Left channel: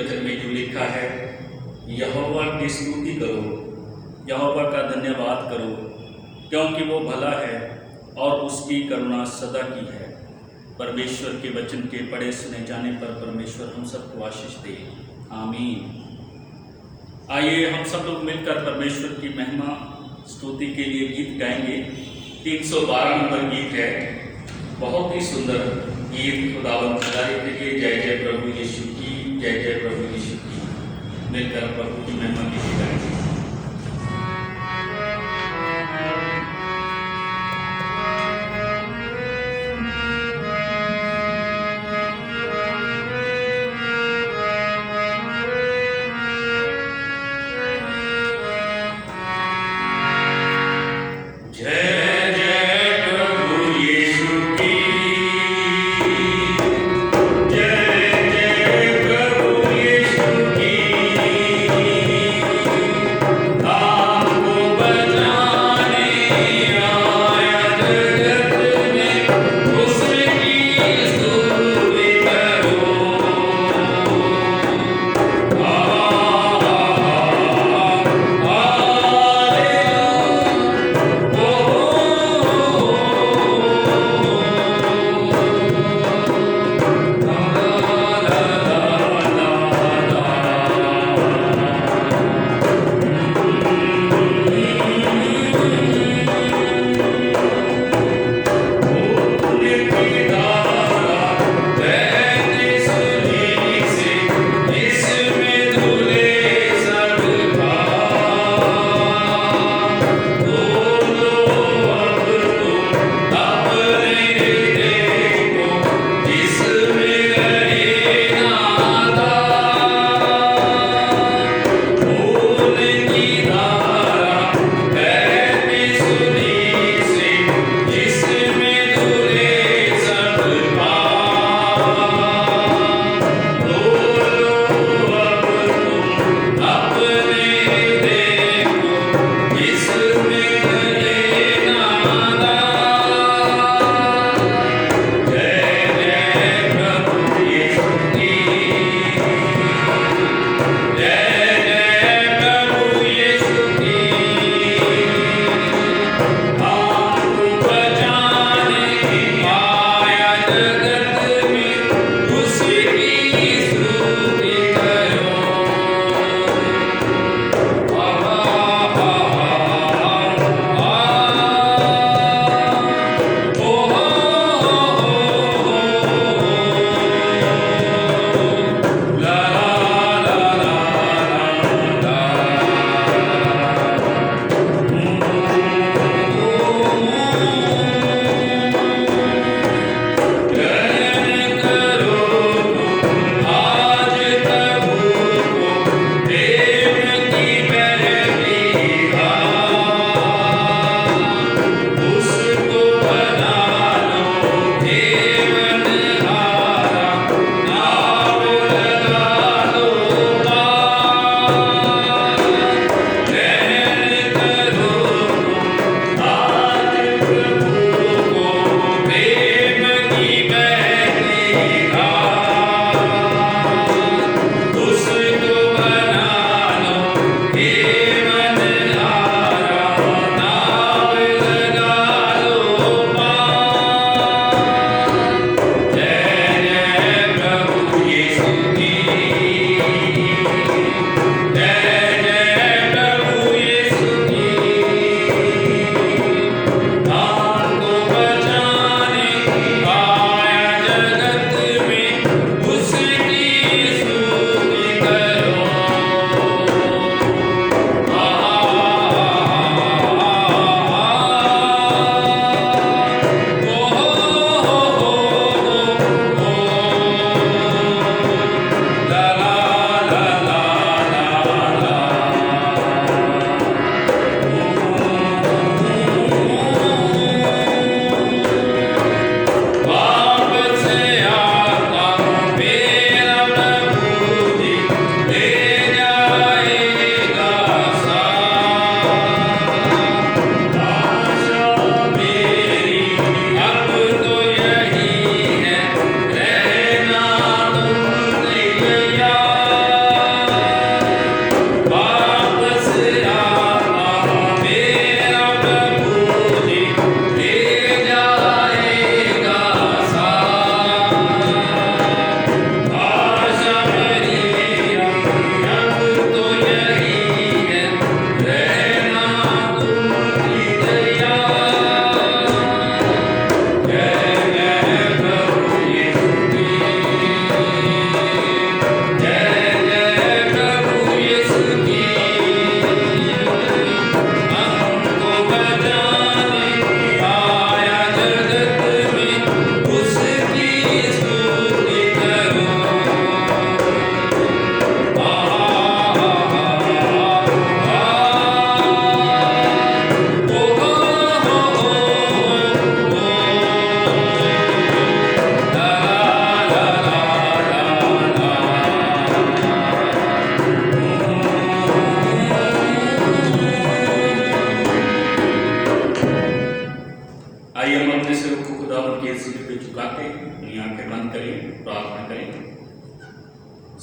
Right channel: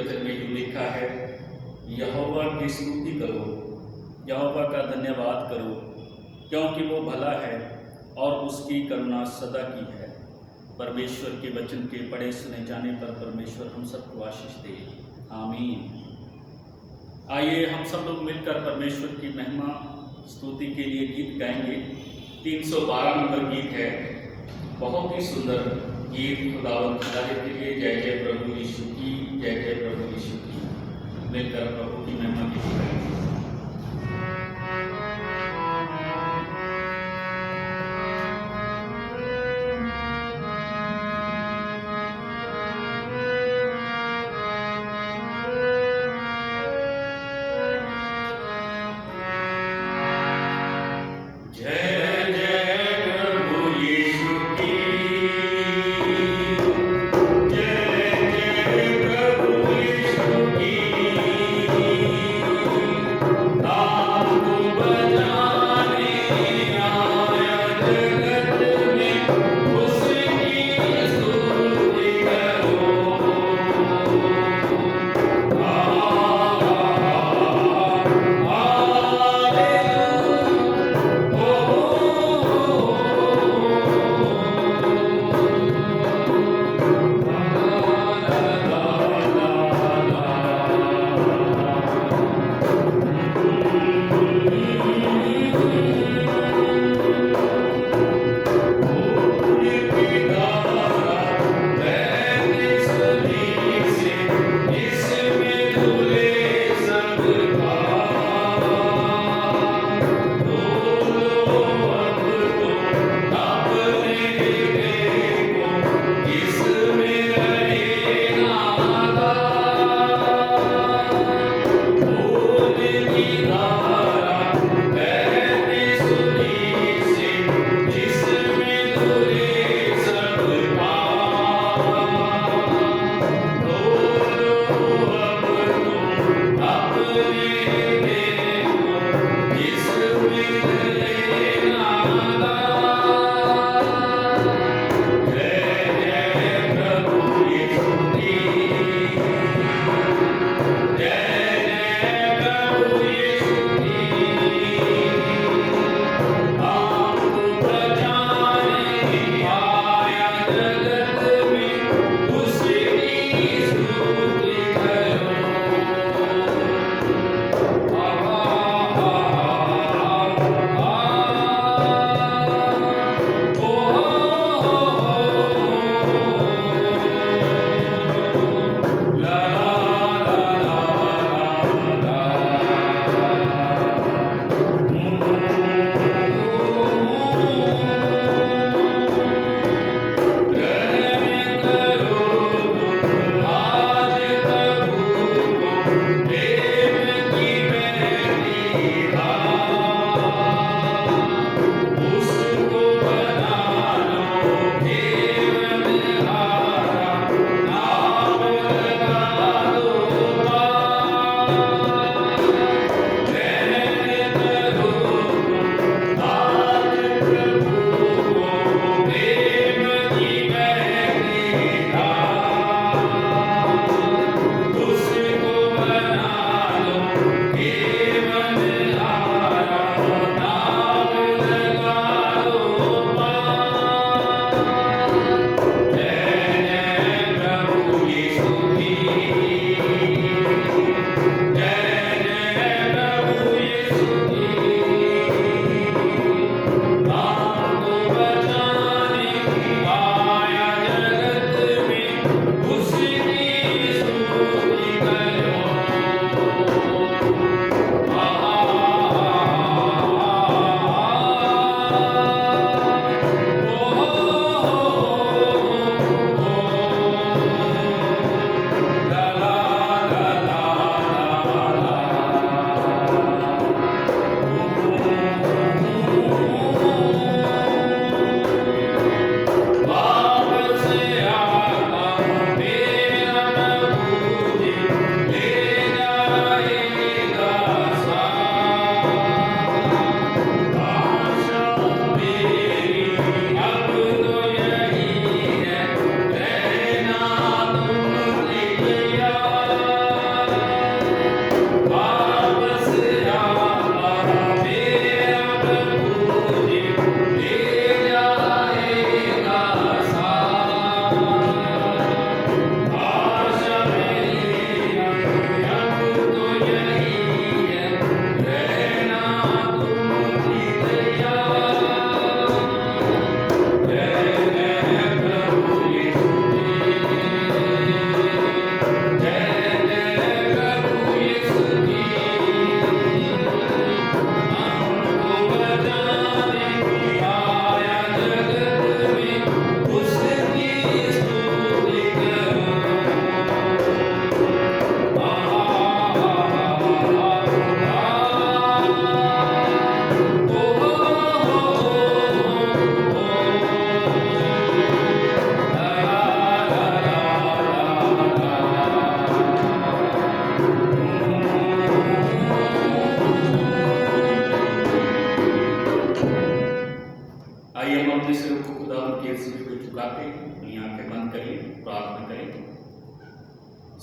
वचन में यूं लिखा है, यहोवा की स्तुति करो, यहोवा का धन्यवाद करो, क्योंकि वो भला है और उसकी करुणा सदा की है। परमेश्वर के वचन के पढ़े सुने जाने पर परमेश्वर हम सबको आशीष दे, आमीन। आइए हम सब लोग मिलकर परमेश्वर की महिमा स्तुति के लिए गीत गाएंगे। 312 नंबर गीत है, बहुत ही सुंदर गीत खुदावंद खुदाई के लिए। जय जय प्रभु यीशु की, जय जय प्रभु यीशु की। मिलकर प्रभु की महिमा के लिए गाएंगे।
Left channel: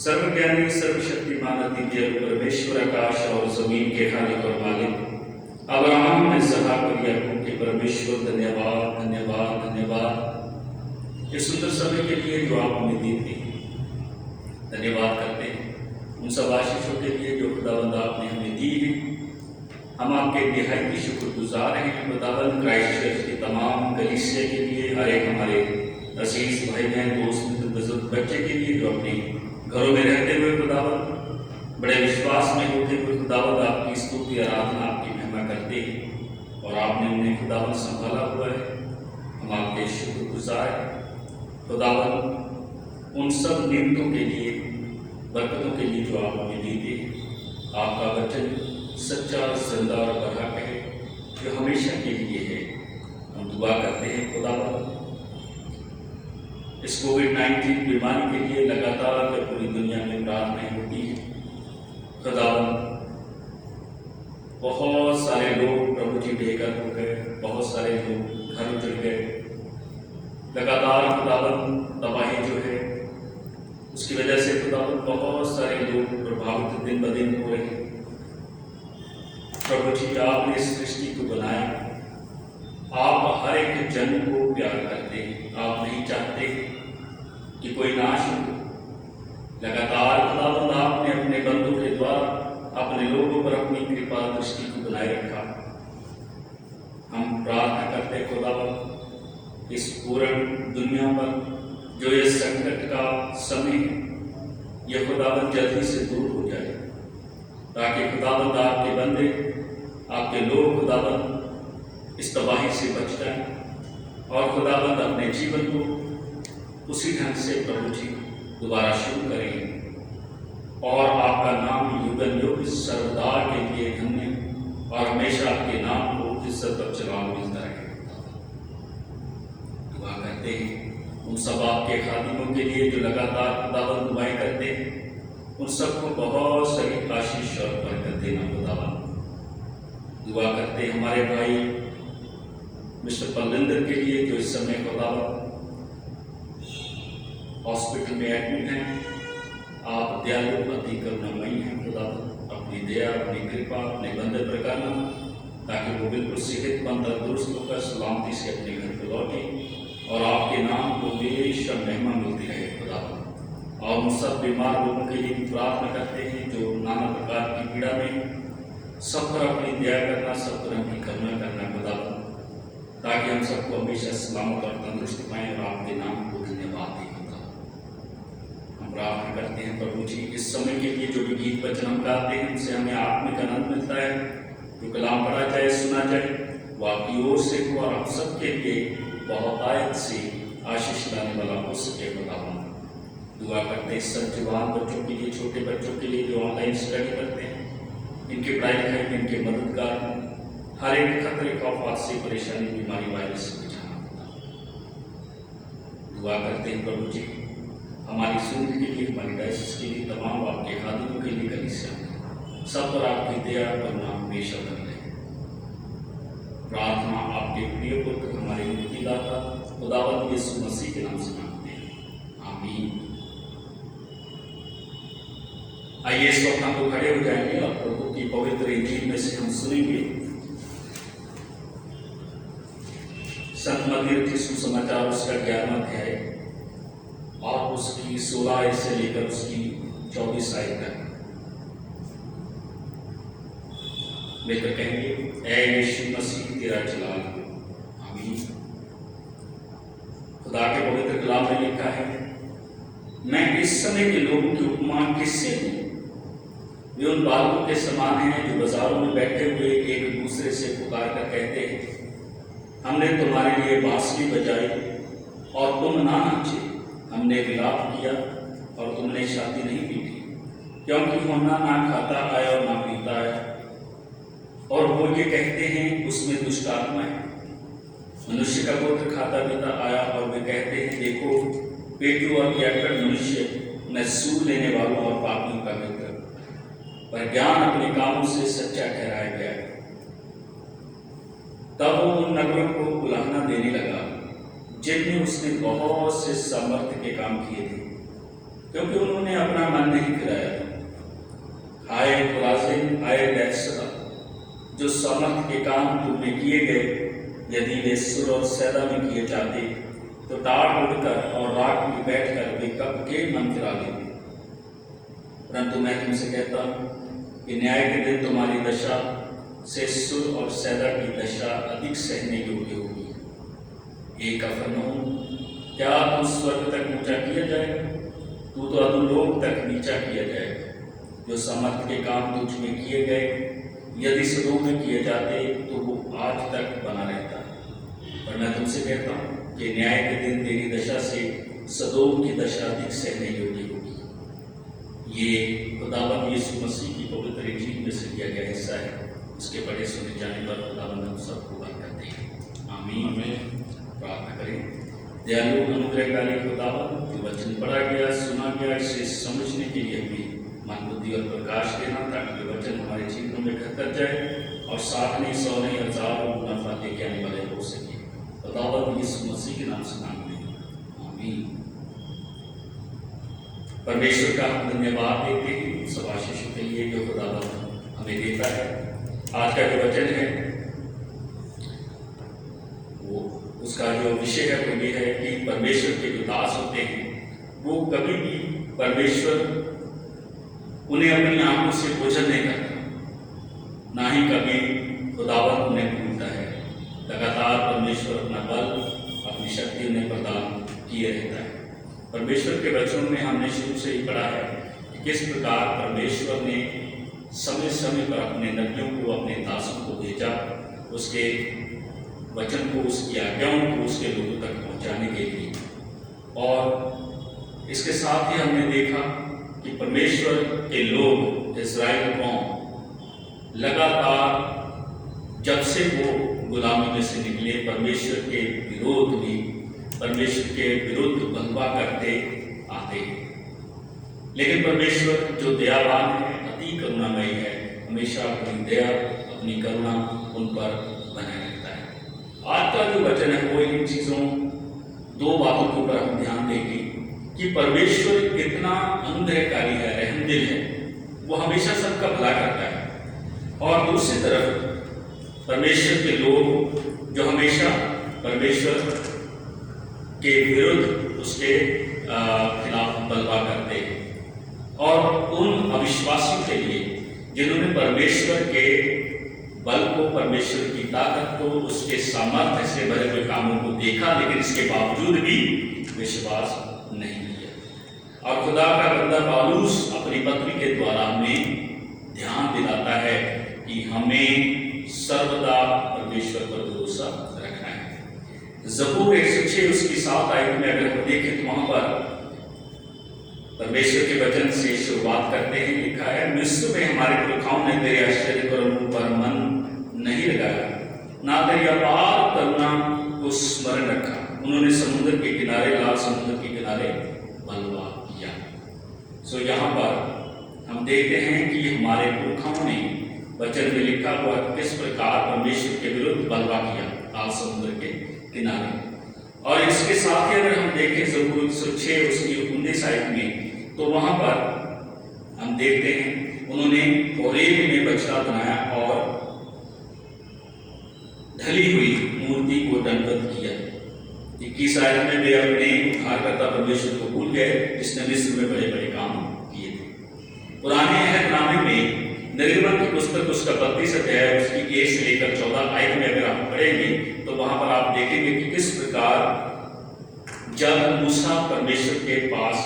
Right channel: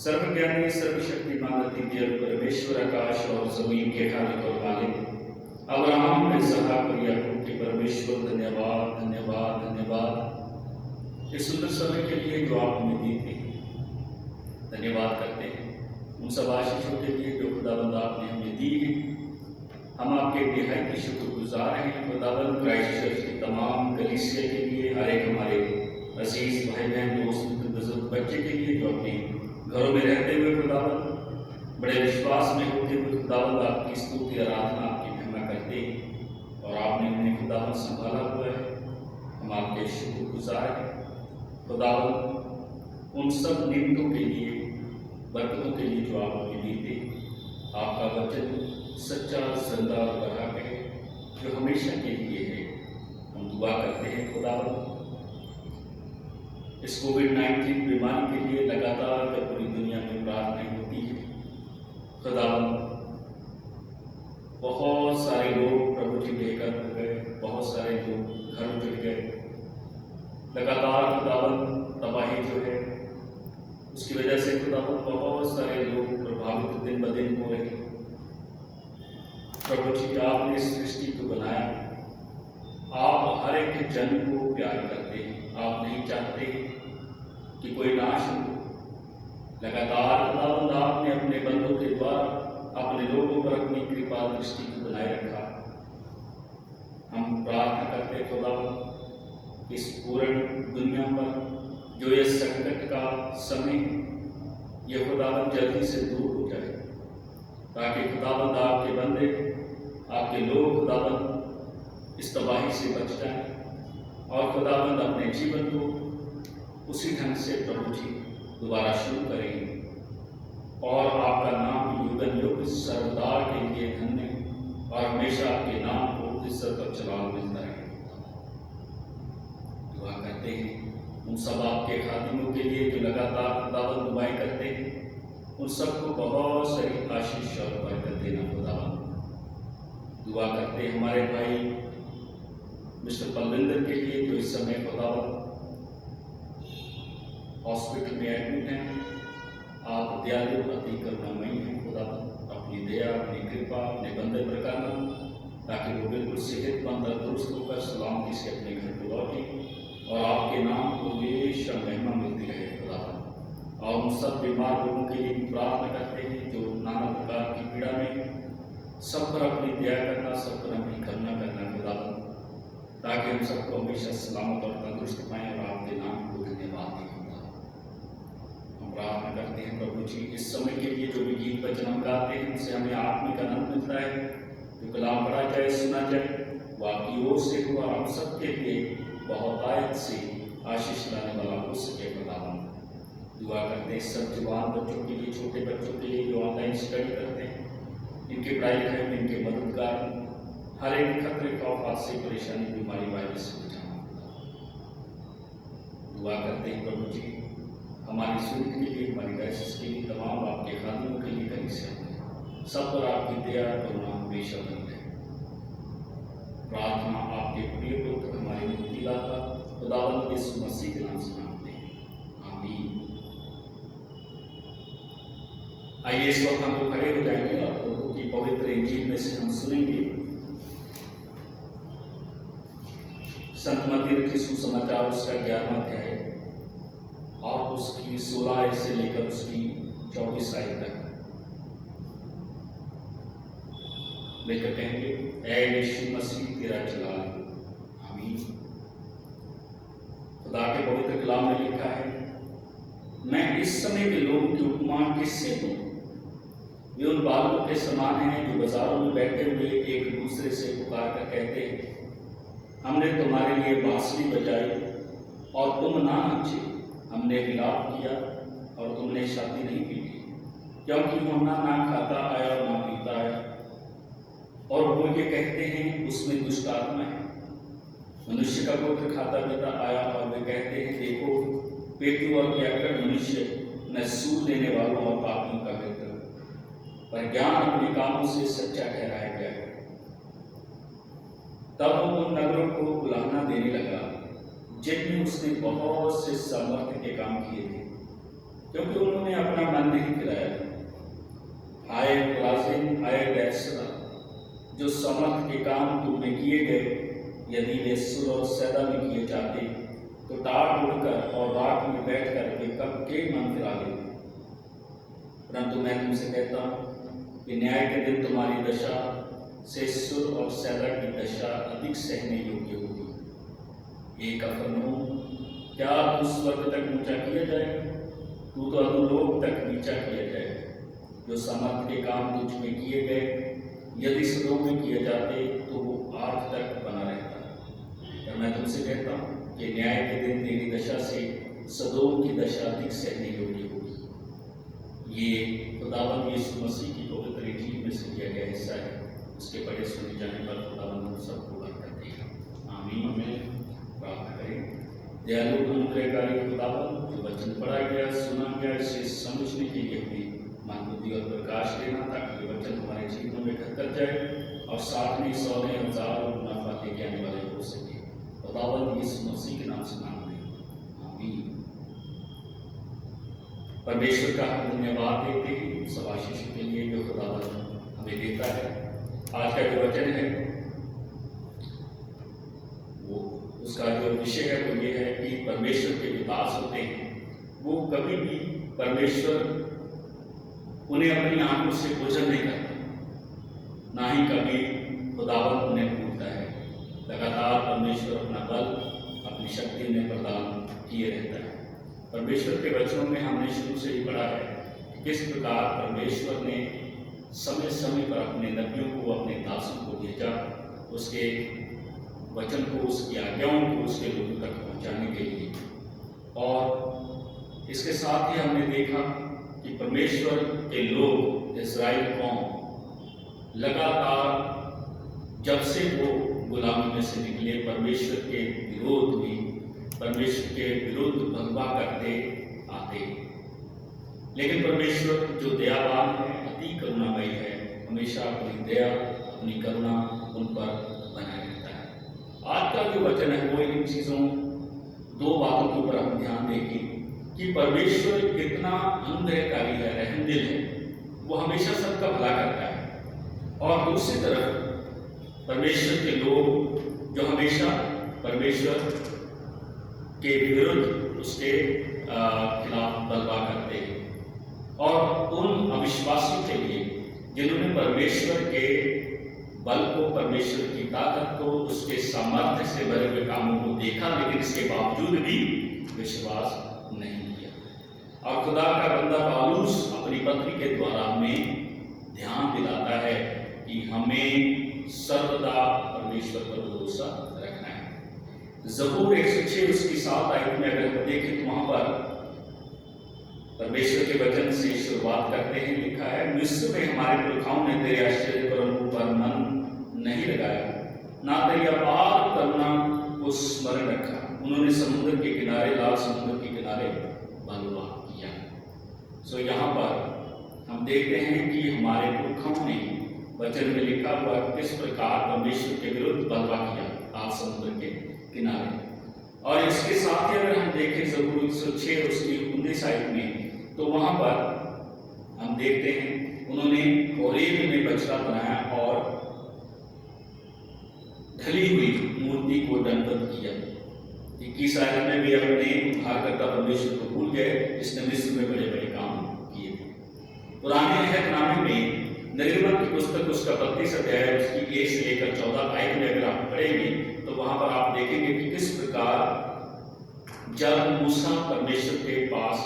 सर्वज्ञानी सर्वशक्तिमान अद्वितीय परमेश्वर आकाश और जमीन के खालिक और मालिक अब्राहम ने इसहाक और याकूब के परमेश्वर धन्यवाद धन्यवाद धन्यवाद इस सुंदर समय के लिए जो आप हमें दी थी। धन्यवाद करते हैं उन सब आशीषों के लिए जो खुदाबंद आपने हमें दी है। हम आपके निहायती शुक्रगुजार हैं खुदाबंद क्राइस्ट चर्च की तमाम कलीसिया के लिए, हर एक हमारे अजीज भाई बहन दोस्त बुजुर्ग बच्चे के लिए जो अपने घरों में रहते हुए खुदाबंद बड़े विश्वास में होते हुए खुदाबंद आपकी स्तुति आराधना आपकी महिमा करते हैं और आपने उन्हें खुदाबंद संभाला हुआ है। हम आपके शुक्रगुजार हैं खुदाबंद उन सब नियमों के लिए, बरकतों के लिए जो आप हमें देते। आपका वचन सच्चा जिंदा और बराबर है जो हमेशा के लिए है। हम दुआ करते हैं खुदाबंद इस कोविड-19 बीमारी के लिए लगातार जब पूरी दुनिया में प्रार्थनाएं होती है खुदाबंद, बहुत सारे लोग प्रभु जी बेघर हो गए, बहुत सारे लोग घर उजड़ गए। लगातार खुदाबंद तबाही जो है उसकी वजह से खुदाबंद बहुत सारे लोग प्रभावित दिन ब दिन हो रहे हैं। प्रभु जी आपने इस सृष्टि को बनाया, आप हर एक जन को प्यार करते हैं, आप नहीं चाहते कि कोई नाश हो। लगातार खुदाबंद आपने अपने बंदों के द्वारा अपने लोगों पर अपनी कृपा दृष्टि को बनाए रखा। हम प्रार्थना करते खुदाबंद इस पूर्ण दुनिया पर जो ये संकट का समय है यह खुदाबंद जल्दी से दूर हो जाए, ताकि खुदाबंद आपके बंदे आपके लोग खुदाबंद इस तबाही से बच जाए और खुदाबंद अपने जीवन को उसी ढंग से प्रभु जी दोबारा शुरू करें और आपका नाम युगन युग सर्वदा के लिए धन्य और हमेशा आपके नाम को इज्जत और जलाल मिलता रहे। दुआ करते हैं उन सब आपके खादिमों के लिए जो लगातार खुदाबंद दुआएं करते हैं, उन सबको बहुत सारी आशीष और बरकत देना खुदाबंद। दुआ करते हैं हमारे भाई मिस्टर बलविंदर के लिए जो इस समय खुदाबंद हॉस्पिटल में एडमिट हैं। आप दयालु अति करुणामयी हैं खुदाबंद, अपनी दया अपनी कृपा अपने बंदे पर करना ताकि वो बिल्कुल सेहतमंद तंदुरुस्त होकर सलामती से अपने घर को लौटे और आपके नाम को हमेशा महिमा मिलती रहे खुदाबंद। और उन सब बीमार लोगों के लिए भी प्रार्थना करते हैं जो नाना प्रकार की पीड़ा में, सब पर अपनी दया करना, सब पर अपनी करुणा करना खुदाबंद, ताकि हम सबको हमेशा सलामत और तंदुरुस्त पाएं और आपके नाम को धन्यवाद दें। प्रार्थना करते हैं प्रभु जी इस समय के लिए जो भी गीत वचन हम गाते हैं उनसे हमें आत्मिक आनंद मिलता है। जो कलाम पढ़ा जाए सुना जाए वो आपकी ओर से हो और हम सबके लिए बहुत आयत से आशीष लाने वाला हो सके खुदाबंद। दुआ करते हैं सब जवान बच्चों के लिए, छोटे बच्चों के लिए जो ऑनलाइन स्टडी करते हैं, इनके पढ़ाई लिखाई में इनके मददगार, हर एक खतरे खौफात से, परेशानी बीमारी वायरस से बचाना। दुआ करते हैं प्रभु जी हमारी सुनने के लिए, हमारी डायसिस के लिए, तमाम आपके खादिमों के लिए, कलीसिया सब पर आपकी दया करुणा हमेशा बनी रहे। प्रार्थना आपके प्रिय पुत्र हमारे मुक्तिदाता खुदावंद यीशु मसीह के नाम से मांगते हैं, आमीन। आइए इस वक्त हम लोग खड़े हो जाएंगे और प्रभु की पवित्र इंजील में से हम सुनेंगे संत मत्ती के सुसमाचार उसका 11वां अध्याय और उसकी 16 आयत से लेकर उसकी 24 आयत तक। मिलकर कहेंगे, ऐ यीशु मसीह तेरा जलाल हो, आमीन। खुदा के पवित्र कलाम में लिखा है, मैं इस समय के लोगों की उपमा किससे दूं? वे उन बालकों के समान हैं जो बाजारों में बैठे हुए एक दूसरे से पुकार कर कहते हैं, हमने तुम्हारे लिए बांसुरी बजाई और तुम ना नाचे, हमने विलाप किया और तुमने शादी नहीं पीटी, क्योंकि होना ना खाता आया और ना पीता है। और वो ये कहते हैं उसमें दुष्ट आत्मा है। मनुष्य का पुत्र खाता पीता आया और वे कहते हैं, देखो पेटू और पियाकड़ मनुष्य में सूद लेने वालों और पापियों का मित्र, पर ज्ञान अपने कामों से सच्चा ठहराया गया है। तब वो उन नगरों को बुलाना देने लगा जिनमें उसने बहुत से सामर्थ्य के काम किए थे, क्योंकि उन्होंने अपना मन नहीं फिराया। आए खुराजिन, आए बैतसैदा, जो सामर्थ के काम तुम में किए गए यदि वे सुर और सैदा में किए जाते तो टाट उड़कर और राख में बैठकर वे कब के मन फिरा लेते। परंतु मैं तुमसे कहता हूँ कि न्याय के दिन तुम्हारी दशा से सुर और सैदा की दशा अधिक सहने योग्य होगी। एक कफरनहूम, क्या तू स्वर्ग तक ऊंचा किया जाएगा? तू तो अधोलोक तक नीचा किया जाएगा। जो समर्थ के काम तुझ में किए गए यदि सदोम में किए जाते तो वो आज तक बना रहता। पर मैं तुमसे कहता हूँ कि न्याय के दिन तेरी दशा से सदोम की दशा अधिक सहने योग्य होगी। ये खुदावंद यीशु मसीह की पवित्र इंजील में से दिया गया हिस्सा है। उसके पढ़े सुने जाने पर खुदावंद हम सबको बरकत दे। आमीन। प्रार्थना करें। दयालु अनुग्रहकारी खुदावंद, जो वचन पढ़ा गया, सुना गया, इसे समझने के लिए हमें मन, बुद्धि और प्रकाश देना, ताकि वे वचन हमारे जीवनों में घर कर जाए और 60 नहीं 100 नहीं 1000 मुनाफा लेके आने वाले हो सके। खुदावंद यीशु मसीह के नाम से मांगते हैं, आमीन। परमेश्वर का धन्यवाद देते हैं सब आशीषों के लिए जो खुदावंद हमें देता है। आज का जो वचन है वो उसका जो विषय है वो ये है कि परमेश्वर के जो दास होते हैं वो कभी भी परमेश्वर उन्हें अपनी आंखों से ओझल नहीं करता, ना ही कभी खुदावंद उन्हें भूलता है। लगातार परमेश्वर अपना बल, अपनी शक्ति उन्हें प्रदान किए रहता है। परमेश्वर के वचनों में हमने शुरू से ही पढ़ा है कि किस प्रकार परमेश्वर ने समय समय पर अपने नबियों को, अपने दासों को भेजा, उसके वचन को, उसकी आज्ञाओं को उसके लोगों तक पहुंचाने के लिए। और इसके साथ ही हमने देखा कि परमेश्वर के लोग, इस्राएल कौम, लगातार जब से वो गुलामी में से निकले परमेश्वर के विरोध में, परमेश्वर के विरुद्ध बलवा करते आते हैं। लेकिन परमेश्वर जो दयावान है, अति करुणामयी है, हमेशा अपनी दया, अपनी करुणा उन पर बनाए रहता है। आज का जो वचन है वो इन चीज़ों, दो बातों के ऊपर हम ध्यान देंगे कि परमेश्वर कितना अनुग्रहकारी है, रहमदिल है, वो हमेशा सबका भला करता है। और दूसरी तरफ परमेश्वर के लोग जो हमेशा परमेश्वर के विरुद्ध, उसके खिलाफ बलवा करते हैं। और उन अविश्वासियों के लिए जिन्होंने परमेश्वर के बल को, परमेश्वर की ताकत को, उसके सामर्थ्य से भरे हुए कामों को देखा, लेकिन इसके बावजूद भी विश्वास नहीं किया। और खुदा का बंदा पौलुस अपनी पत्री के द्वारा हमें ध्यान दिलाता है कि हमें सर्वदा परमेश्वर पर भरोसा रखना है। ज़बूर 106 उसकी 7 आयत में अगर हम देखें तो वहां पर परमेश्वर के वचन से शुरुआत करते हैं। लिखा है, मिस्र में हमारे पुरखाओं ने तेरे आश्चर्य पर मन नहीं लगाया, ना तेरी अपार करुणा को स्मरण रखा। उन्होंने समुद्र के किनारे, लाल समुद्र के किनारे बलवा किया। सो यहाँ पर हम देखते हैं कि हमारे पुरखाओं ने, वचन में लिखा हुआ किस प्रकार परमेश्वर के विरुद्ध बलवा किया लाल समुद्र के किनारे। और इसके साथ ही अगर हम देखें ज़बूर 106 उसकी 19 आयत में, तो वहां पर हम देखते हैं उन्होंने होरेब में बछड़ा बनाया और ढली हुई मूर्ति को दंडवत किया। 21 आयत में वे अपने उद्धारकर्ता परमेश्वर को भूल गए, जिसने मिस्र में बड़े बड़े काम किए थे। पुराने अहदनामे में निर्गमन की पुस्तक उसका 32 अध्याय उसकी 1 से लेकर 14 आयत में अगर आप पढ़ेंगे तो वहां पर आप देखेंगे कि किस प्रकार जब मूसा परमेश्वर के पास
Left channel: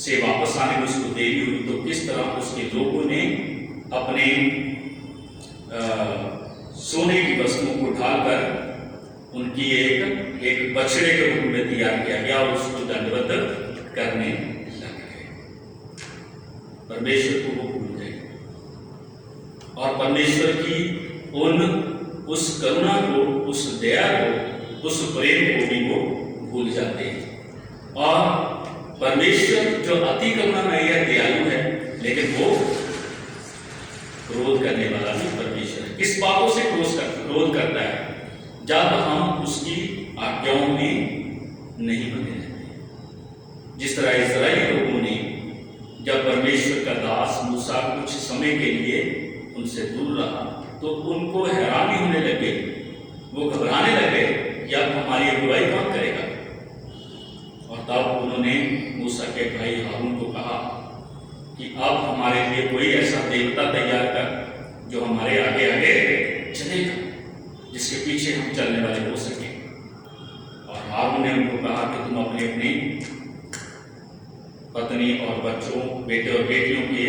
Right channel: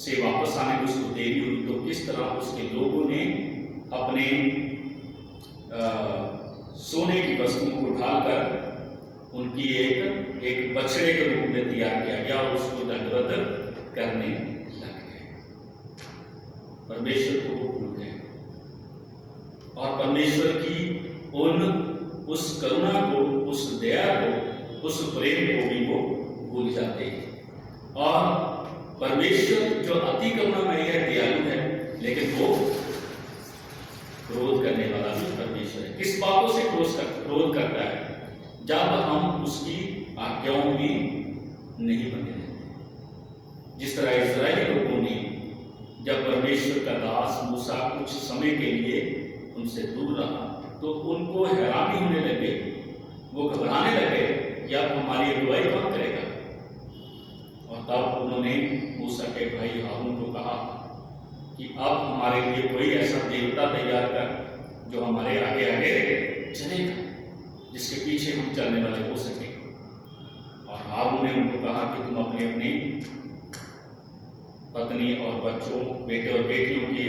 से वापस आने में उसको देरी हुई तो किस तरह उसके लोगों ने अपने सोने की वस्तुओं को ढालकर उनकी एक बछड़े के रूप में तैयार किया गया और उसको दंडवत करने लग गए। परमेश्वर को वो भूल गए और परमेश्वर की उस करुणा को, उस दया को, उस प्रेम को भी वो भूल जाते हैं। और परमेश्वर जो अति करुणामय है, दयालु है, लेकिन वो क्रोध करने वाला भी परमेश्वर है। किस बातों से क्रोध करता है? जब हम उसकी आज्ञाओं में नहीं बने रहते। जिस तरह इस्राएली लोगों ने जब परमेश्वर का दास मूसा कुछ समय के लिए उनसे दूर रहा तो उनको हैरानी होने लगी, वो घबराने लगे कि अब हमारी अगुवाई कौन करेगा। और तब उन्होंने मूसा के भाई हारून को कहा कि अब हमारे लिए कोई ऐसा देवता तैयार कर जो हमारे आगे आगे चलेगा, जिसके पीछे हम चलने वाले हो सके। और हारून ने उनको कहा कि तुम अपने अपने पत्नी और बच्चों, बेटे और बेटियों के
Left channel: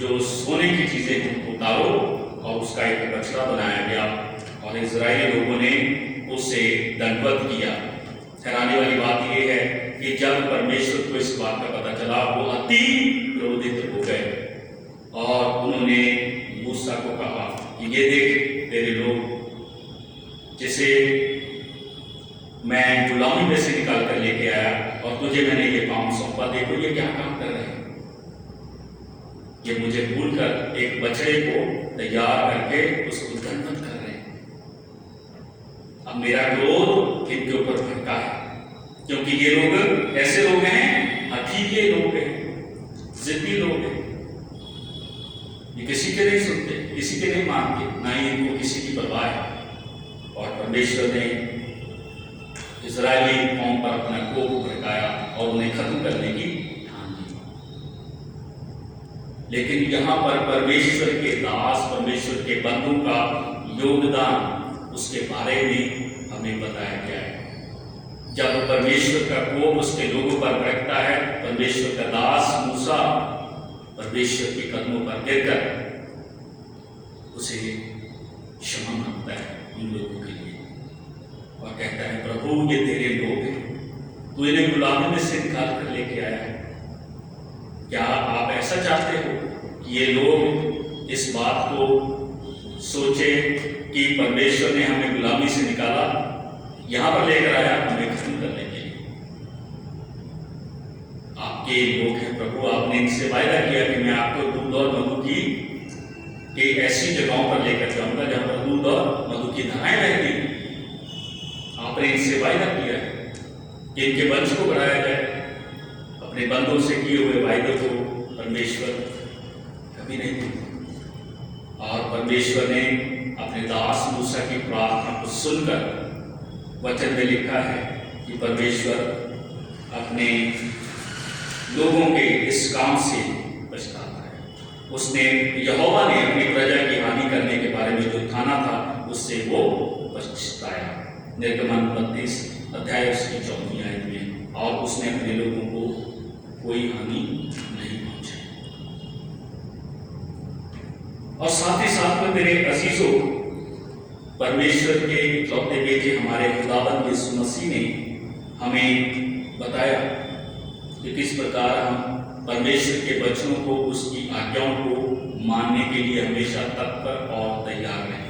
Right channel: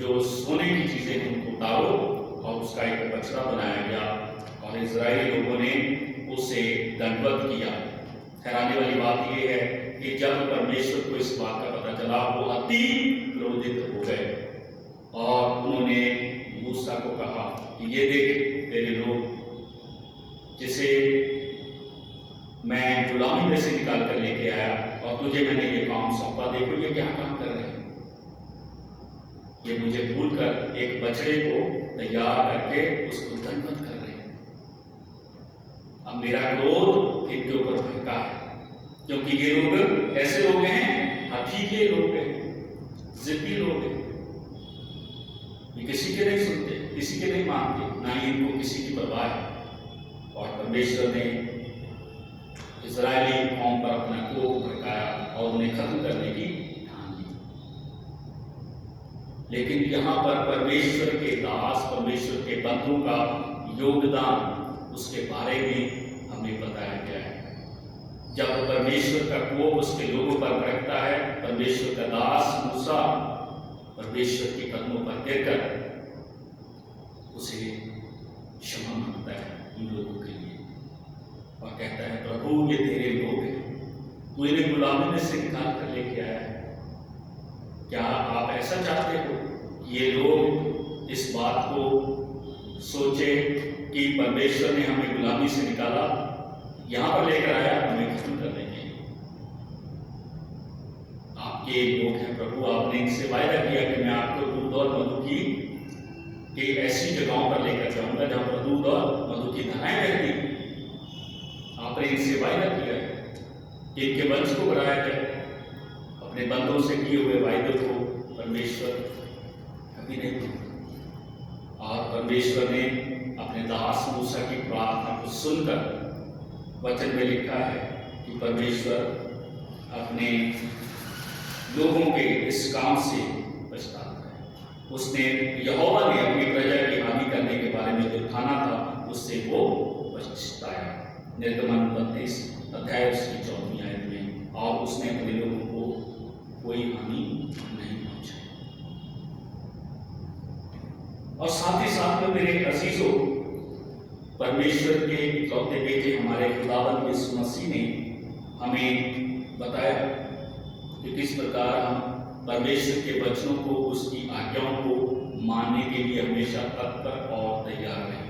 जो सोने की चीजें हैं उनको उतारो। और उसका एक बछड़ा बनाया गया और इजरायली लोगों ने उसे दंडवत किया। हैरानी वाली बात यह है कि जब परमेश्वर को इस बात का पता चला वो अति क्रोधित हो गए और उन्होंने मूसा को कहा कि ये देख तेरे लोग जिसे मैं गुलामी में से निकाल कर लेके आया और तुझे मैंने ये काम सौंपा, देखो ये क्या काम कर रहे हैं। ये मुझे भूलकर एक बछड़े को तैयार करके उसको दंडवत कर रहे हैं। अब मेरा क्रोध इनके ऊपर भड़का है क्योंकि ये लोग ऐसे लोग हैं, हठीले लोग हैं, जिद्दी लोग हैं। ये किसी के नहीं सुनते, किसी के नहीं मानते, ना ही इनको किसी की परवाह है। और परमेश्वर ने इजरायली कौम पर अपना कोप भड़काया और उन्हें खत्म करने की ठान ली। लेकिन यहाँ पर परमेश्वर के दास, परमेश्वर के बंदों का योगदान, उसके बारे में हमें बताया गया है। जब परमेश्वर का कोप उसके लोगों पर भड़कता है, परमेश्वर का दास मूसा परमेश्वर के कदमों पर गिरकर उसे क्षमा मांगता है उन लोगों के लिए और कहता है, प्रभु ये तेरे लोग हैं, तू इन्हें गुलामी में से निकाल कर लेके आया है। क्या आप ऐसा चाहते हो कि ये लोग इस बात को सोचे कि परमेश्वर ने हमें गुलामी से निकाला, यहां पर लेकर आया हमें खत्म करने के लिए? आपके लोग हैं प्रभु, आपने इनसे वायदा किया कि मैं आपको दूध और मधु की ऐसी जगहों पर लेकर जाऊंगा जहां पर दूध और मधु की धाराएं बहती। आपने इनसे वायदा किया है कि इनके वंश को बढ़ाया जाए। अपने बंदों से किए हुए वायदे को परमेश्वर कभी नहीं भूलता। और परमेश्वर ने अपने दास मूसा की प्रार्थना को सुनकर वचन में लिखा है कि परमेश्वर अपने लोगों के इस काम से पछताता है। उसने यहोवा ने अपनी प्रजा की हानि करने के बारे में जो ठाना था उससे वो पछताया। निर्गमन 32 अध्याय उसकी 4वीं आयत में। और उसने अपने लोगों को कोई हानि नहीं पहुंचाई। और साथ ही साथ में मेरे अजीजों, परमेश्वर के इकलौते बेटे हमारे खुदावंद यीशु मसीह ने हमें बताया कि किस प्रकार हम परमेश्वर के वचनों को, उसकी आज्ञाओं को मानने के लिए हमेशा तत्पर और तैयार रहें।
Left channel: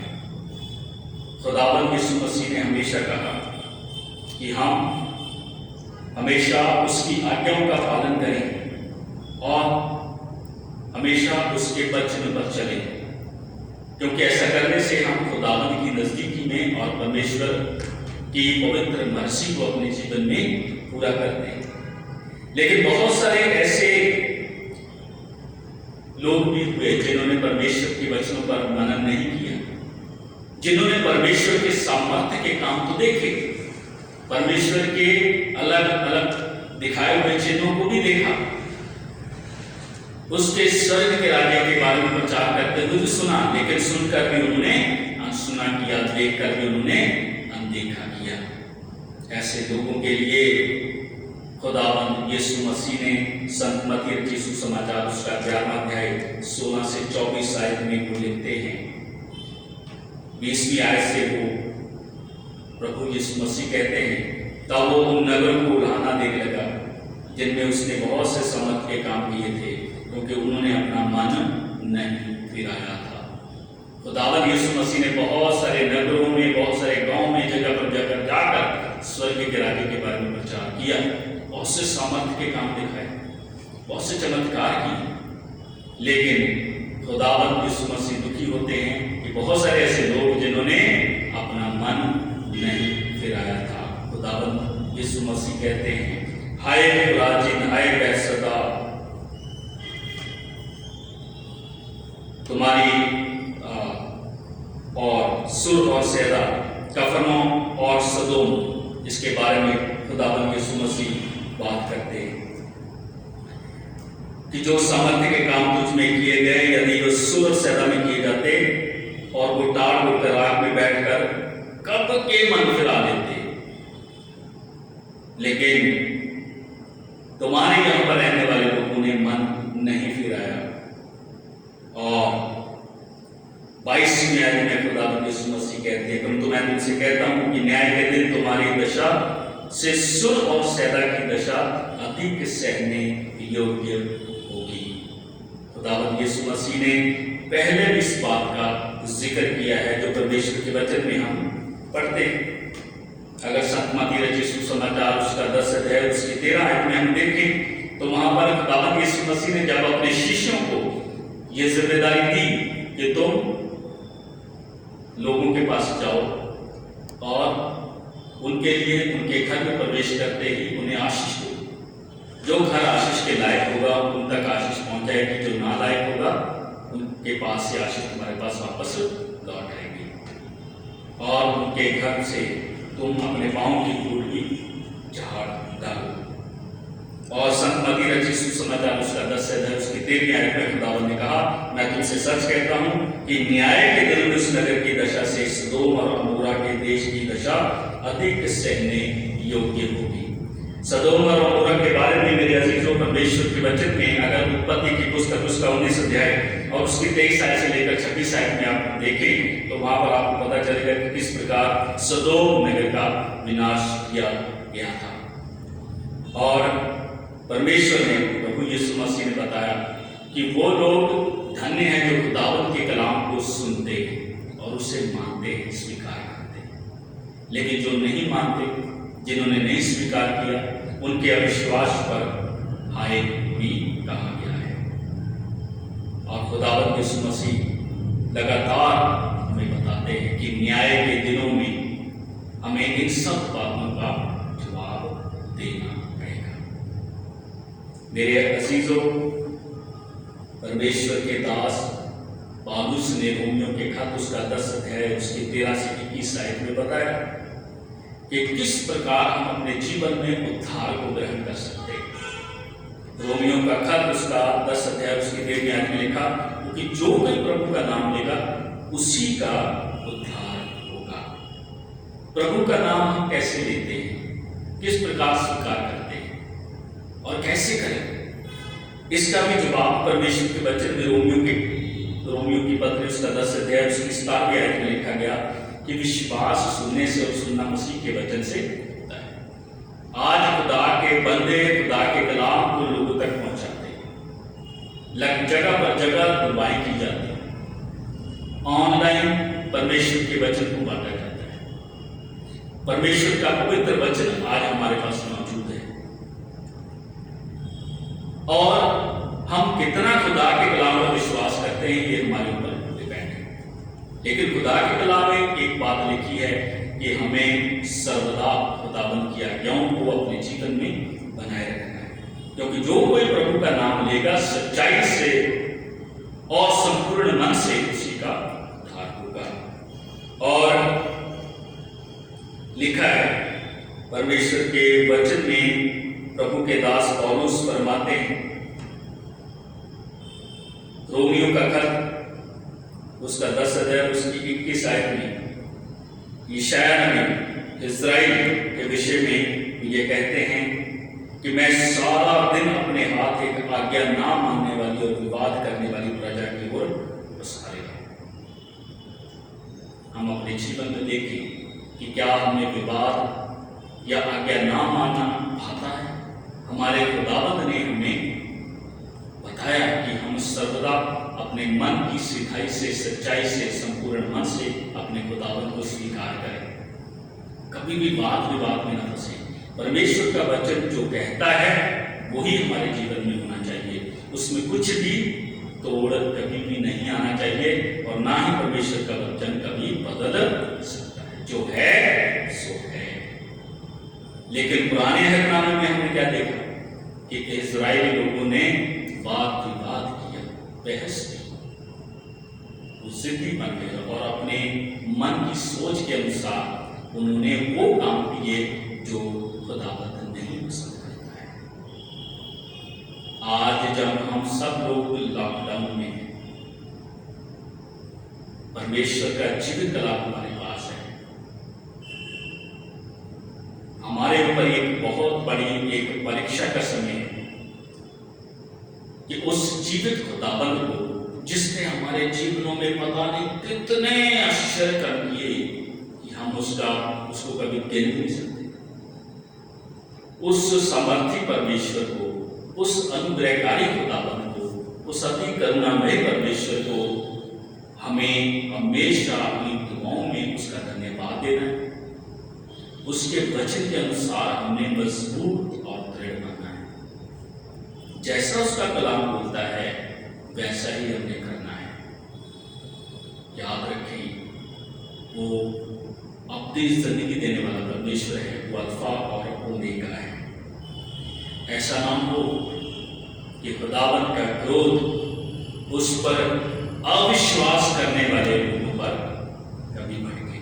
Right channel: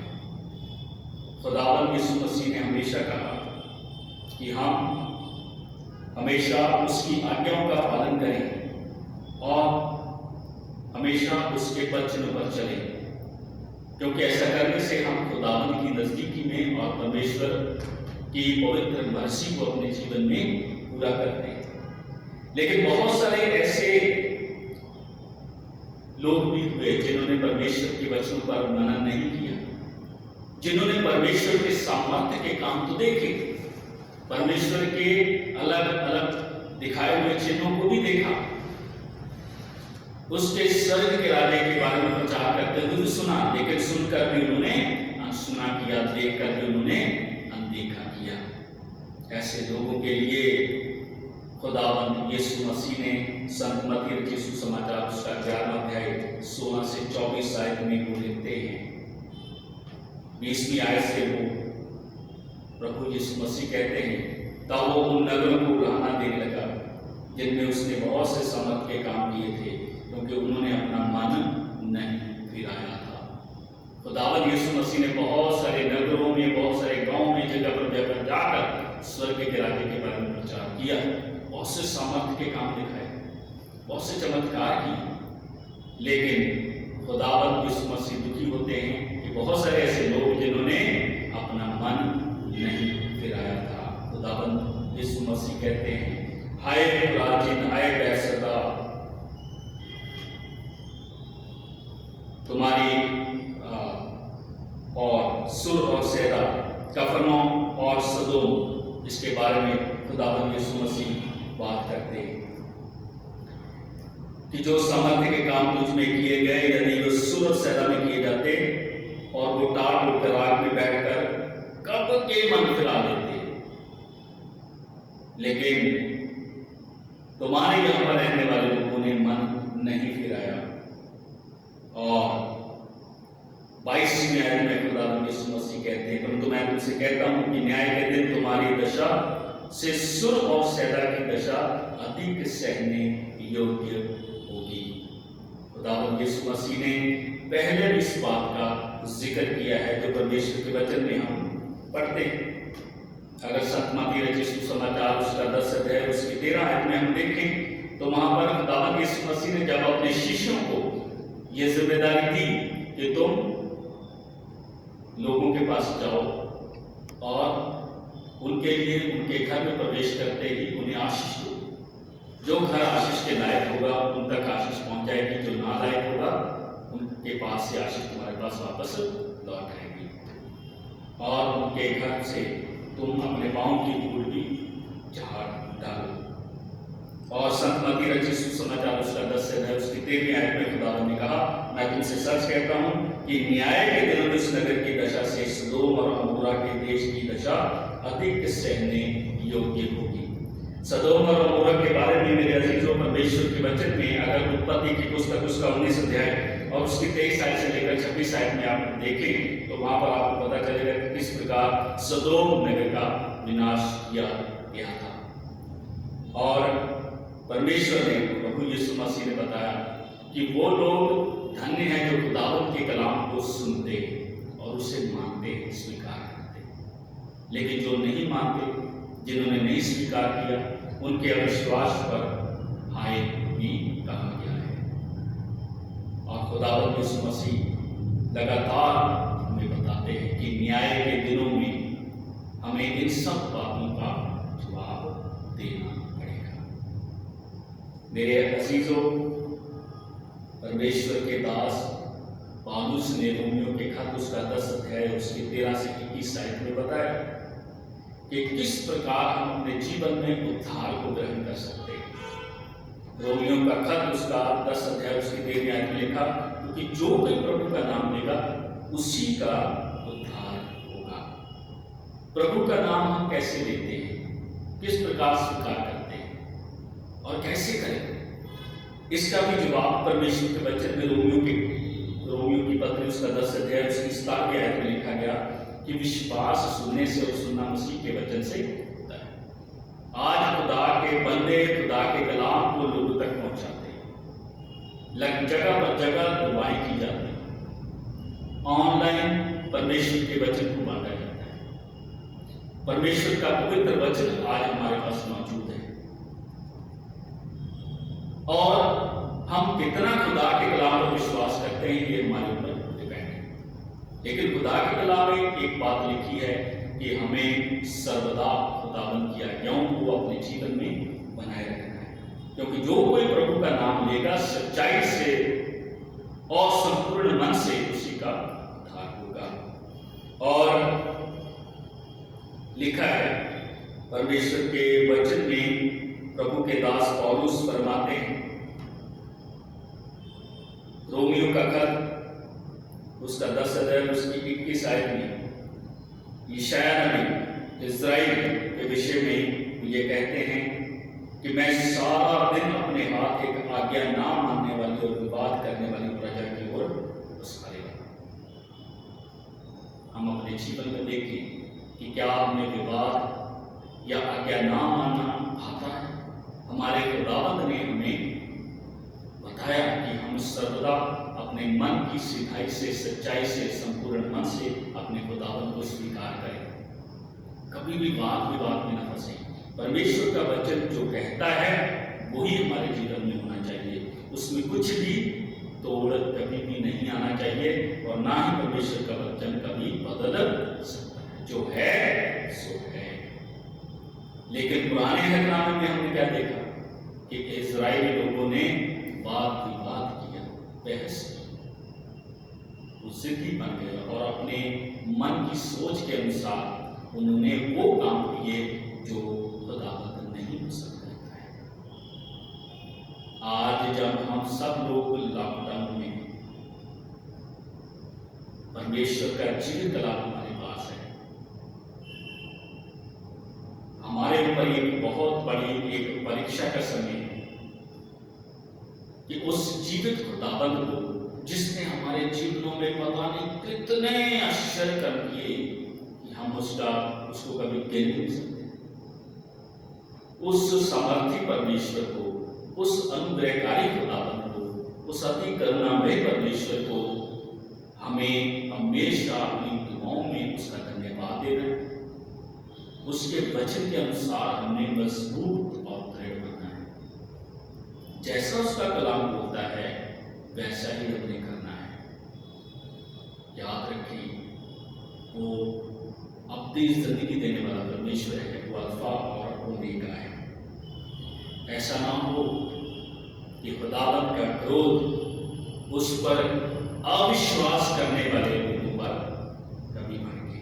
खुदावंद यीशु मसीह ने हमेशा कहा कि हम हमेशा उसकी आज्ञाओं का पालन करें और हमेशा उसके वचन पर चलें, क्योंकि ऐसा करने से हम खुदावंद की नजदीकी में और परमेश्वर की पवित्र मर्जी को अपने जीवन में पूरा करते हैं। लेकिन बहुत सारे ऐसे लोग भी हुए जिन्होंने परमेश्वर के वचनों पर मनन नहीं किया, जिन्होंने परमेश्वर के सामर्थ्य के काम तो देखे, परमेश्वर के अलग अलग दिखाए हुए चिन्हों को भी देखा, उसके स्वर्ग के राज्य के बारे में प्रचार करते हुए भी सुना, लेकिन सुनकर भी उन्होंने अनसुना किया, देखकर भी उन्होंने अनदेखा किया। ऐसे लोगों के लिए खुदावंद यीशु मसीह ने संत मत्ती रचित सुसमाचार उसका 11वां अध्याय 16 से 24 आयत में वो लिखते हैं। 20वीं आयत से वो प्रभु यीशु मसीह कहते हैं, तब वो उन नगरों को उड़ाना देने लगा जिनमें उसने बहुत से सामर्थ के काम किए थे, क्योंकि उन्होंने अपना मन नहीं फिराया था। खुदावंद यीशु मसीह ने बहुत सारे नगरों में, बहुत सारे गांव में, जगह पर जाकर स्वर्ग के राज्य के बारे में प्रचार किया, बहुत से सामर्थ के काम दिखाए, बहुत से चमत्कार किए। लेकिन खुदावंद यीशु मसीह दुखी होते हैं कि बहुत सारे ऐसे लोग जिन्होंने अपना मन नहीं फिराया था। खुदावंद यीशु मसीह कहते हैं, हाय खुराजिन, हाय बैतसैदा, तुम्हारी और सुर और सैदा, कफरनहूम और सदोम, इसके बारे में खुदावंद यीशु मसीह बात करते हैं कि जो सामर्थ्य के काम तुझ में किए गए, यदि वो सुर और सैदा में किए जाते और वो टाट होकर आग में बैठकर कब के मन फिरा लेते, लेकिन तुम्हारे यहां पर रहने वाले लोगों ने मन नहीं फिराया। और 22वीं आयत में खुदावंद यीशु मसीह कहते हैं, परंतु मैं तुमसे कहता हूं कि न्याय के दिन तुम्हारी दशा से सुर और सैदा की दशा अधिक सहने योग्य होगी। खुदावंद यीशु मसीह ने पहले भी इस बात का जिक्र किया है जो परमेश्वर के वचन में हम पढ़ते हैं। अगर सतमती रचित सुसमाचार उसका 10 अध्याय उसकी 13 आयत में हम देखें तो वहां पर खुदावंद यीशु मसीह ने जब अपने शिष्यों को यह जिम्मेदारी दी कि तुम लोगों के पास जाओ और उनके लिए उनके घर में प्रवेश करते ही उन्हें आशीष दो, जो घर आशीष के लायक होगा उन तक आशीष पहुंच जाएगी, जो ना लायक होगा उनके पास से आशीष तुम्हारे पास वापस लौट आएगी, और उनके घर से तुम अपने पांव की धूल भी झाड़ डालो। और सतमती रचित सुसमाचार उसका 10 अध्याय उसकी 13वीं आयत में खुदावंद ने कहा, मैं तुमसे सच कहता हूं कि न्याय के दिन में उस नगर की दशा से सदोम और अमोरा के देश की दशा अधिक सहने योग्य होगी। सदोम और अमोरा के बारे में मेरे अजीजों परमेश्वर के वचन में अगर उत्पत्ति की पुस्तक उसका 19 अध्याय और उसकी 23 आयत से लेकर 26 आयत में आप देखें तो वहां पर आपको पता चलेगा कि किस प्रकार सदोम नगर का विनाश किया गया था। और परमेश्वर ने, प्रभु यीशु मसीह ने बताया कि वो लोग धन्य हैं जो खुदावंद के कलाम को सुनते हैं और उसे मानते हैं, स्वीकार करते हैं। लेकिन जो नहीं मानते, जिन्होंने नहीं स्वीकार किया, उनके अविश्वास पर हाय भी कहा गया है। और खुदावंद यीशु मसीह लगातार हमें बताते हैं कि न्याय के दिनों में हमें इन सब बातों का जवाब देना पड़ेगा। मेरे अजीजों, परमेश्वर के दास पौलुस ने रोमियों के खत उसका 10 अध्याय उसकी 13 से 21 आयत में बताया कि किस प्रकार हम अपने जीवन में उद्धार को ग्रहण कर सकते हैं। रोमियों का खत उसका 10 अध्याय उसकी 13वीं आयत में लिखा, क्योंकि जो कोई प्रभु का नाम लेगा उसी का उद्धार होगा। प्रभु का नाम हम कैसे लेते हैं, किस प्रकार स्वीकार करते हैं और कैसे करें, इसका भी जवाब परमेश्वर के वचन में रोमियों की पत्री उसका 10 अध्याय उसकी 17वीं आयत में लिखा गया कि विश्वास सुनने से और सुनना मसीह के वचन से होता है। आज खुदा के बंदे खुदा के कलाम को लोगों तक पहुंचाते हैं, जगह पर जगह दुआएं की जाती है, ऑनलाइन परमेश्वर के वचन को बांटा जाता है। परमेश्वर का पवित्र वचन आज हमारे पास मौजूद है और हम कितना खुदा के कलाम पर विश्वास करते हैं ये हमारे ऊपर डिपेंड है। लेकिन खुदा के कलाम में एक बात लिखी है कि हमें सर्वदा खुदावंद की आज्ञाओं को अपने जीवन में बनाए रखना है, क्योंकि जो कोई प्रभु का नाम लेगा सच्चाई से और संपूर्ण मन से उसी का उद्धार होगा। और लिखा है परमेश्वर के वचन में, प्रभु के दास पौलुस फरमाते हैं, रोमियों का खत उसका 10 अध्याय उसकी 21 आयत में यशायाह नबी इस्राएल के विषय में ये कहते हैं कि मैं सारा दिन अपने हाथ एक आज्ञा ना मानने वाली और विवाद करने वाली प्रजा की ओर बसाए रहूं। हम अपने जीवन में देखें कि क्या हमें विवाद या आज्ञा ना मानना भाता है। हमारे खुदावंद ने हमें बताया कि हम सर्वदा अपने मन की सिधाई से, सच्चाई से, संपूर्ण मन से अपने खुदावंद को स्वीकार करें, कभी भी वाद विवाद में न फंसे। परमेश्वर का वचन जो कहता है वही हमारे जीवन में होना चाहिए, उसमें कुछ भी तोड़ कभी भी नहीं आना चाहिए और ना ही परमेश्वर का वचन कभी बदल सकता है। जो है सो है। लेकिन पुराने अहदनामे में हमने क्या देखा कि इजरायली लोगों ने वाद विवाद किया, बहस की, वो जिद्दी बन गए और अपने मन की सोच के अनुसार उन्होंने वो काम किए जो खुदावंद नहीं पसंद करता है। आज जब हम सब लोग लॉकडाउन में हैं, परमेश्वर का जीवित कलाम हमारे पास है। हमारे ऊपर एक बहुत बड़ी एक परीक्षा का समय है कि उस जीवित खुदावंद को, जिसने हमारे जीवनों में पता नहीं कितने आश्चर्य कर दिए कि हम उसको कभी गिन नहीं सकते, उस सामर्थी परमेश्वर को, उस अनुग्रहकारी खुदावंद को, उस अति करुणामय परमेश्वर को हमें हमेशा अपनी दुआओं में उसका धन्यवाद देना है। उसके वचन के अनुसार हमने मजबूत और दृढ़ बनना है। जैसा उसका कलाम बोलता है वैसा ही हमने करना है। याद रखें, वो अपनी जिंदगी देने वाला परमेश्वर है, वो अल्फा और ओमेगा है। ऐसा ना हो कि खुदावंद का क्रोध उस पर अविश्वास करने वाले लोगों पर कभी भड़के।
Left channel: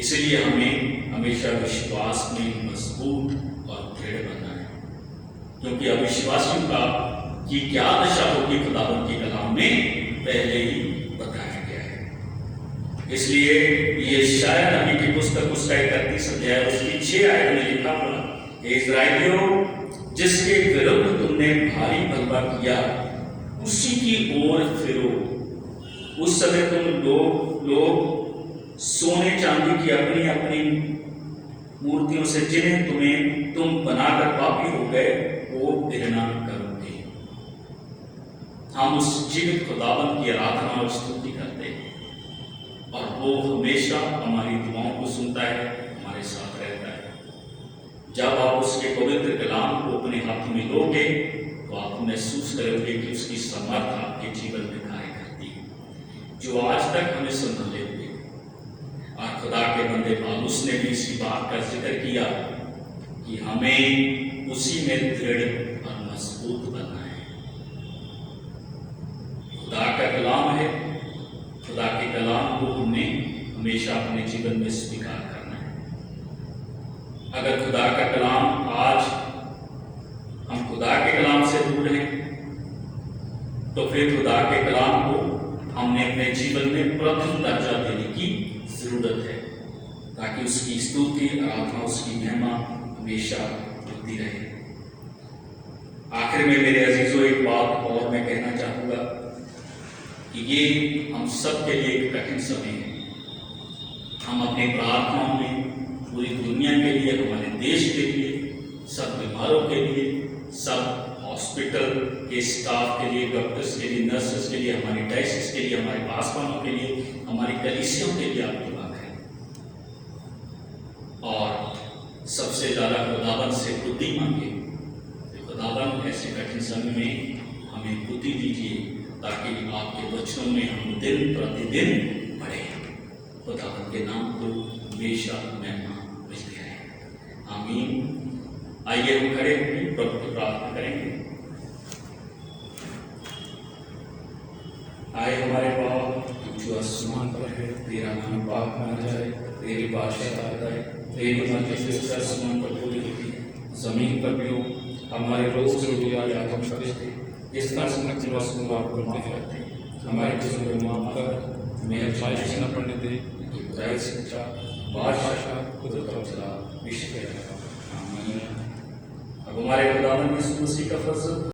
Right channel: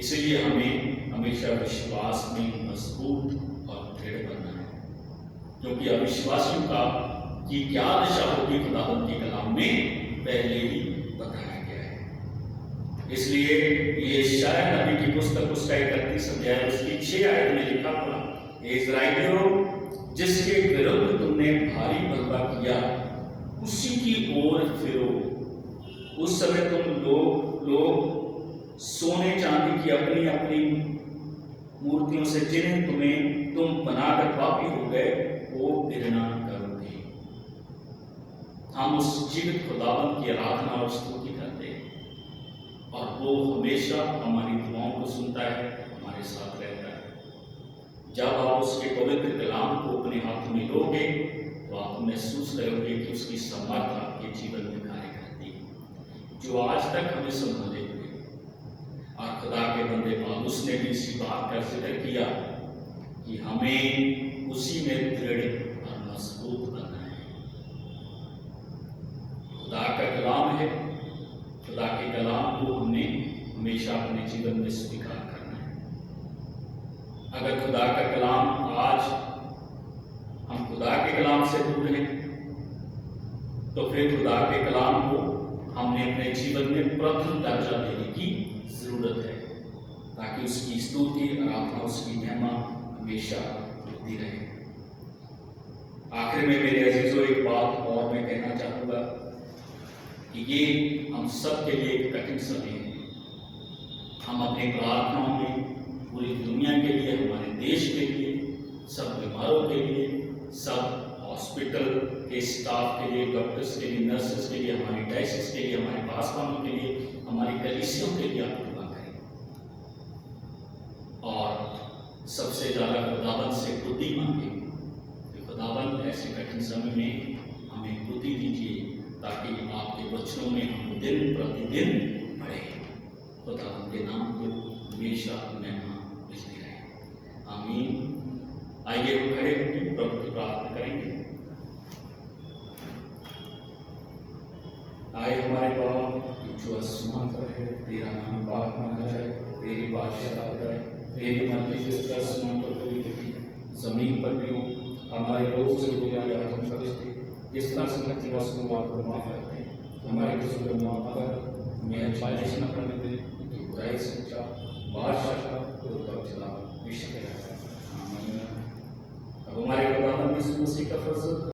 इसलिए हमें हमेशा विश्वास में मजबूत और दृढ़ बनना है, क्योंकि अविश्वासियों की क्या दशा होगी खुदावंद के कलाम में पहले ही बताया गया है। इसलिए ये शायद नबी की पुस्तक उसका 31 अध्याय उसकी 6 आयत में लिखा हुआ, इस्राएलियों जिसके विरुद्ध तुमने भारी बलवा किया उसी की ओर फिरो। उस समय तुम लोग सोने चांदी की अपनी अपनी मूर्तियों से जिन्हें तुम बनाकर पापी हो गए, वो घृणा करोगे। हम उस जीवित खुदावंद की आराधना और स्तुति करते हैं और वो हमेशा हमारी दुआओं को सुनता है, हमारे साथ रहता है। जब आप उसके पवित्र कलाम को अपने हाथ में लोगे तो आप महसूस करोगे कि उसकी समर्थ आपके जीवन में कार्य करती है, जो आज तक हमें संभाले हुए। और खुदा के बंदे पौलुस ने भी इसी बात का जिक्र किया कि हमें उसी में दृढ़ और मजबूत बनना है। खुदा का कलाम है, खुदा के कलाम को हमने हमेशा अपने जीवन में स्वीकार करना है। अगर खुदा का कलाम आज हम खुदा के कलाम से दूर हैं, तो फिर खुदा के कलाम को हमने अपने जीवन में प्रथम दर्जा देने की जरूरत है, ताकि उसकी स्तुति, आराधना, उसकी महिमा हमेशा होती रहे। आखिर में मेरे अजीजों एक बात और मैं कहना चाहूँगा कि ये हम सब के लिए एक कठिन समय है। हम अपनी प्रार्थनाओं में पूरी दुनिया के लिए, हमारे देश के लिए, सब बीमारों के लिए, सब हॉस्पिटल के स्टाफ के लिए, डॉक्टर्स के लिए, नर्सेस के लिए, हमारी डायसिस के लिए, हमारे पासवानों के लिए, हमारी कलीसियों के लिए आप दुआ करें। और सबसे ज़्यादा खुदावंद से बुद्धि मांगे। खुदावंद ऐसे कठिन समय में हमें बुद्धि दीजिए, ताकि आपके वचनों में हम दिन प्रतिदिन बढ़े। खुदावंद के नाम को हमेशा महिमा मिलती रहे। आमीन। आइए हम खड़े होकर प्रभु की प्रार्थना करेंगे। आए हमारे बाप जो आसमान पर है, तेरा नाम पाक माना जाए, तेरी बादशाह आए, तेरी मर्जी से आसमान पर पूरी होती जमीन पर भी हो। हमारे रोज रोटी आज हमको दे, जिस तरह से हम माफ करते हैं, हमारे कसूर को माफ कर, हमें आजमाइश न पड़ने दे, तो बुराई से बचा, बादशाह कुदरत और जलाल विश्व है। आमीन। अब हमारे खुदावंद यीशु मसीह का फजल